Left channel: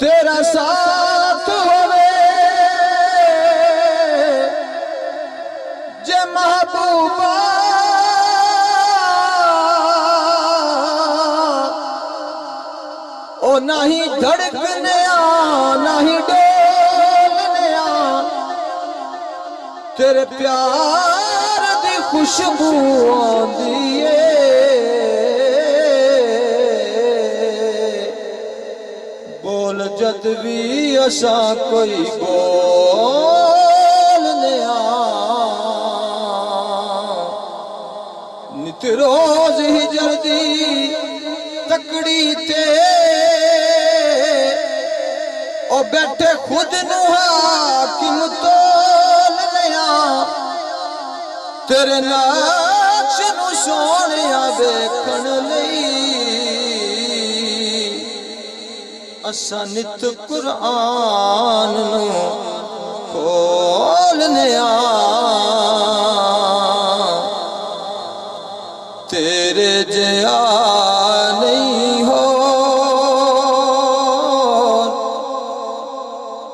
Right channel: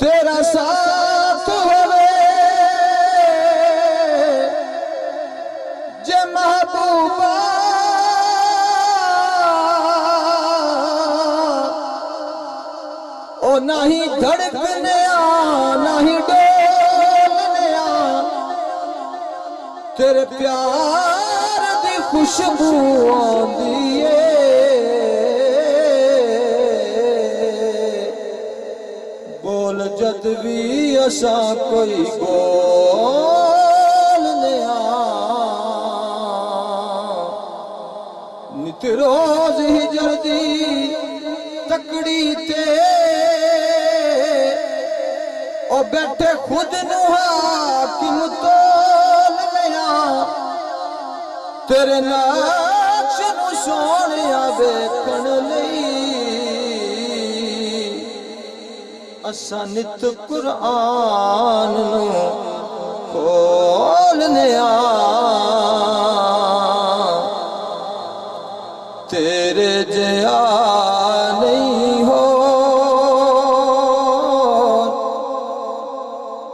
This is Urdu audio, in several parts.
تیرا ساتھ ہوئے جے محبوبہ او نہیں دھڑکنے نہیں ڈولنے تیرے پیار دی خوشبو آندی ہے جد بھی اساں کوئی بولنے نت روز ہجر دی تکڑی تے او بیٹھے خود نو حاکم تولنے تیرے نقش نو سونیا ویکھن لئی اساں نت قرآن نو کھولنے تیرے جیا نہیں ہو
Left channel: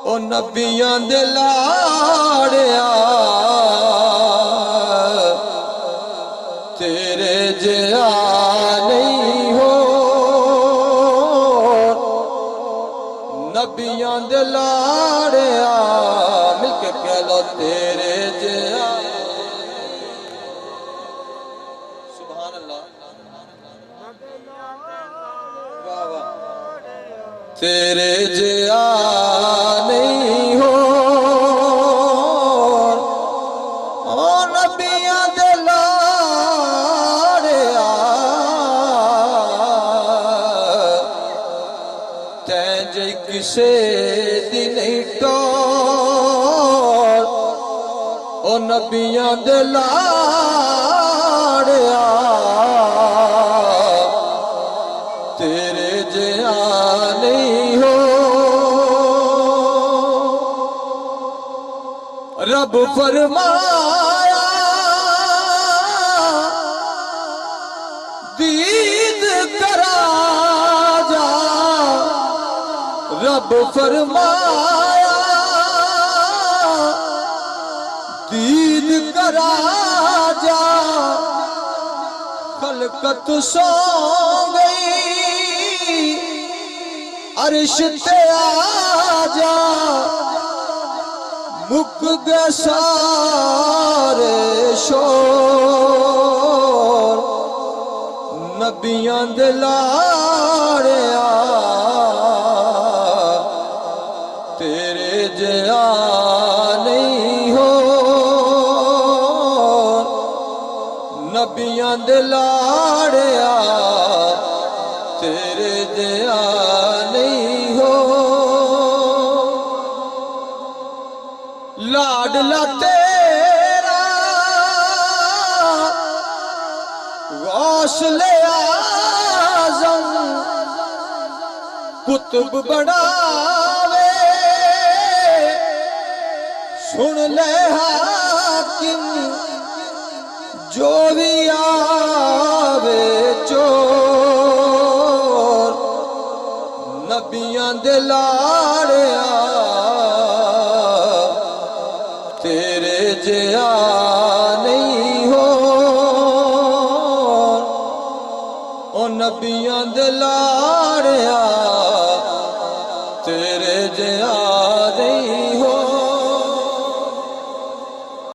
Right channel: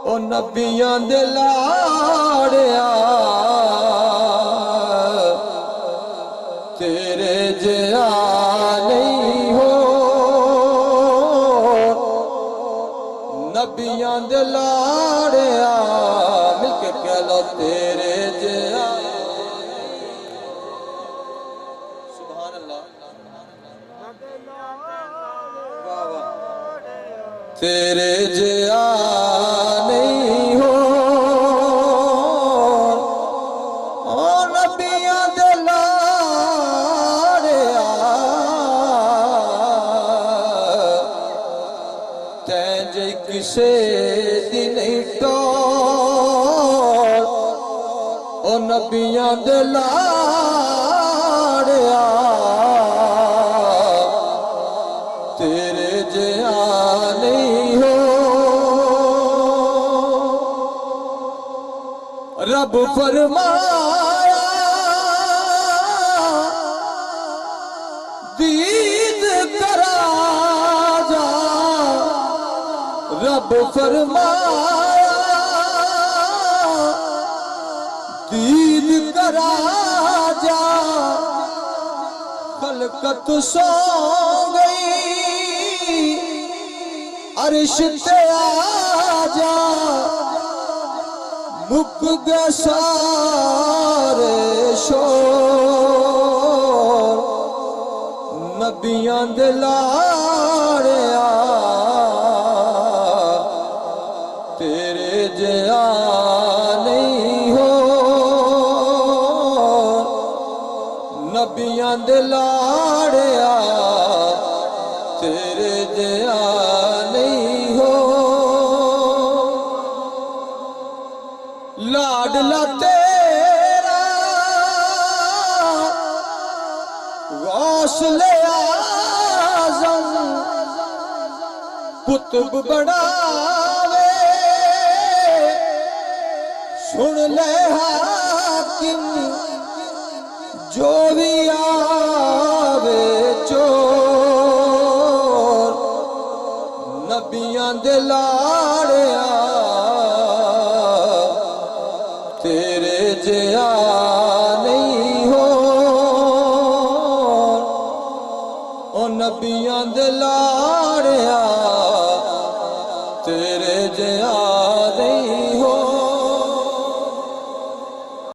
او نبیاں دے لاڑیا تیرے جیا نہیں ہو نبیاں دے لاڑیا مل کے کہہ لو تیرے جیا سبحان اللہ تیرے جیا نہیں ہو او نبیاں دے لاڑیا تین جے کسے دی نہیں ٹور او نبیاں دے لاڑیا تیرے جیا نہیں ہو رب فرمایا دید کرا جا رب فرمایا دید کرا جا خلقت سو گئی عرش تے آ جا مک گئے سارے شور نبیاں دے لاڑیا تیرے جیا نہیں ہو نبیاں دے لاڑیا تیرے جیا نہیں ہو لاڈلا تیرا غوث اعظم قطب بڑھاوے سن لے حاکم جو بھی آوے چور نبیاں دے لاڑیا تیرے جیا نہیں ہو او نبیاں دے لاڑیا